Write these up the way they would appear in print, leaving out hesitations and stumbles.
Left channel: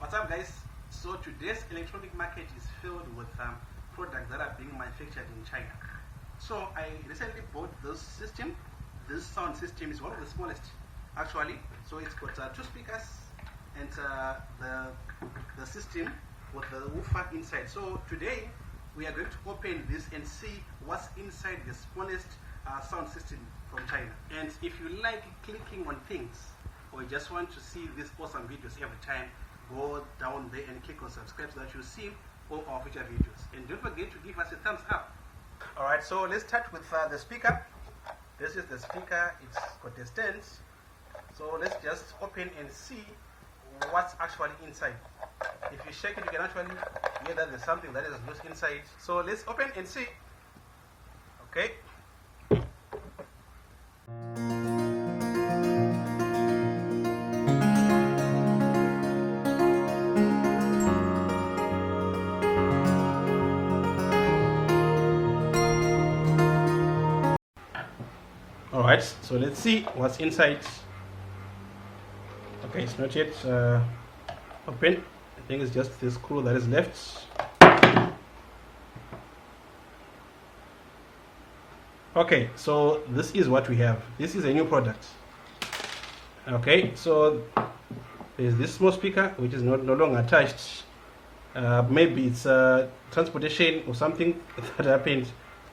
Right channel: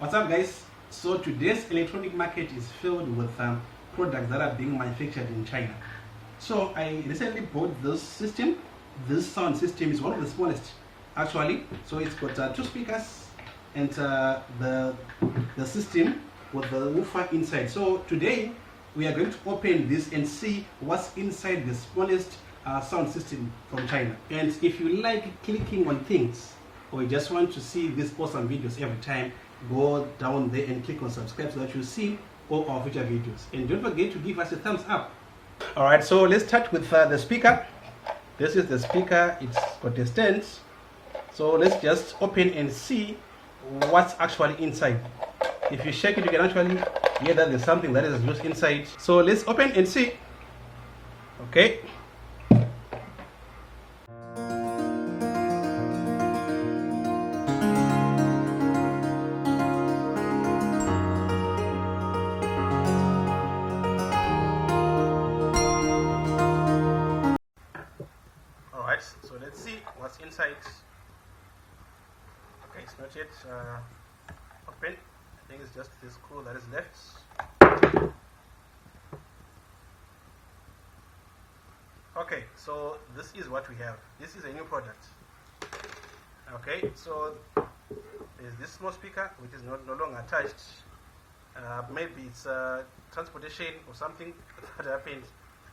What's up, guys? So today's electronic market is filled with products that are being manufactured in China. So I recently bought this system. This sound system is one of the smallest actually. So it's got two speakers and the system with the woofer inside. So today we are going to open this and see what's inside the smallest sound system from China. And if you like clicking on things, or you just want to see these awesome videos every time, go down there and click on subscribe so that you see all our future videos. And don't forget to give us a thumbs up. Alright, so let's start with the speaker. This is the speaker. It's got a stand. So let's just open and see what's actually inside. If you shake it, you can actually hear that there's something that is loose inside. So let's open and see. Okay. Alright, so let's see what's inside. Okay, it's not yet open. I think it's just the screw that is left. Okay, so this is what we have. This is a new product. Okay, so there's this small speaker which is no longer attached. Maybe it's transportation or something that happened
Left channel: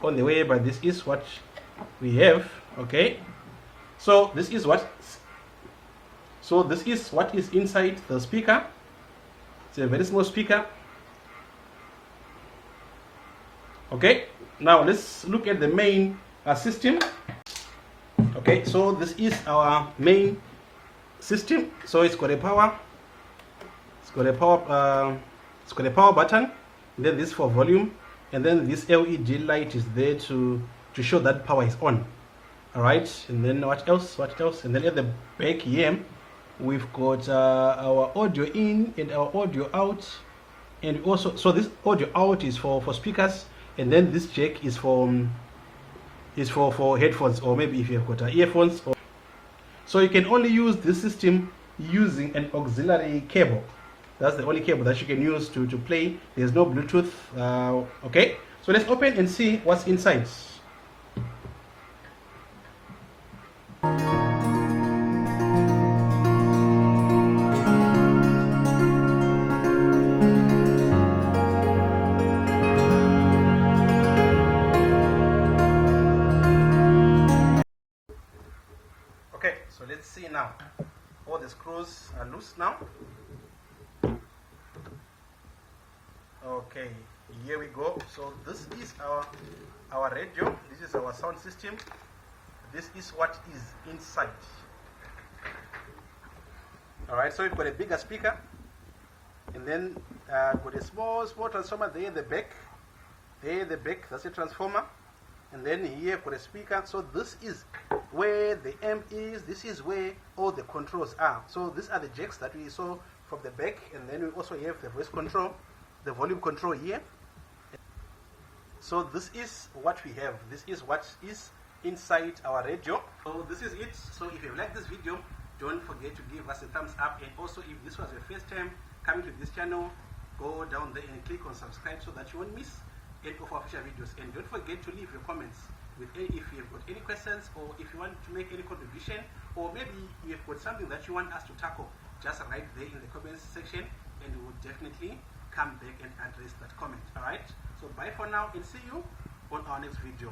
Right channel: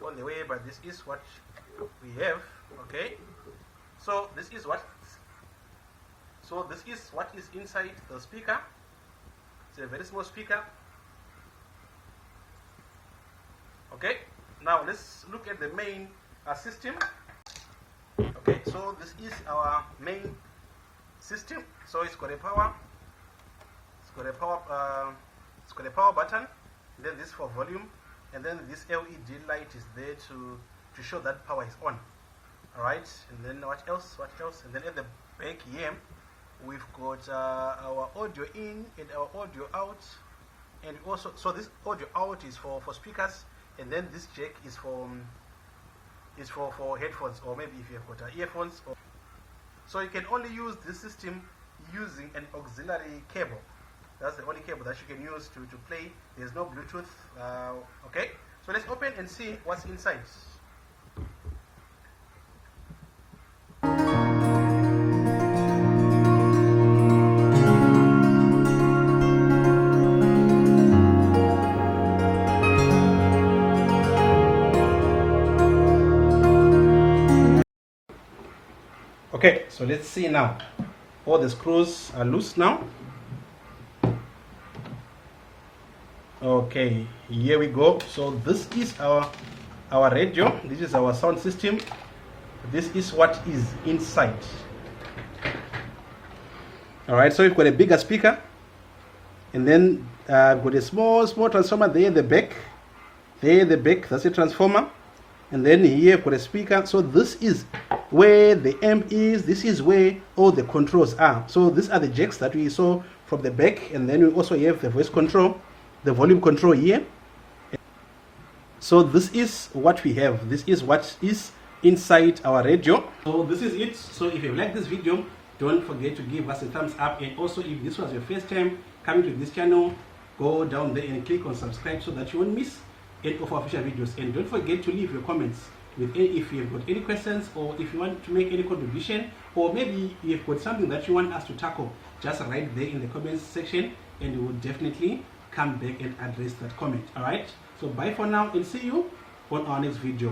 on the way, but this is what we have. Okay, so this is what is inside the speaker. It's a very small speaker. Okay, now let's look at the main system. Okay, so this is our main system. So it's got a power. It's got a power button. Then this for volume, and then this LED light is there to show that power is on. All right, and then what else? And then at the back here, we've got our audio in and our audio out, and also, so this audio out is for speakers, and then this jack is for headphones, or maybe if you've got earphones. So you can only use this system using an auxiliary cable. That's the only cable that you can use to play. There's no Bluetooth. Okay, so let's open and see what's inside. Okay, so let's see now. All the screws are loose now. Okay, here we go. So this is our radio. This is our sound system. This is what is inside. All right, so we've got a bigger speaker, and then got a small transformer there in the back. There in the back, that's a transformer. And then here we've got a speaker. So this is where the amp is. This is where all the controls are. So these are the jacks that we saw from the back, and then we also have the voice control, the volume control here. So this is what we have. This is what is inside our radio. So this is it. So if you like this video, don't forget to give us a thumbs up, and also if this was your first time coming to this channel, go down there and click on subscribe so that you won't miss any of our future videos. And don't forget to leave your comments with if you've got any questions, or if you want to make any contribution, or maybe you've got something that you want us to tackle. Just write there in the comments section, and we will definitely come back and address that comment. All right, so bye for now, and see you on our next video.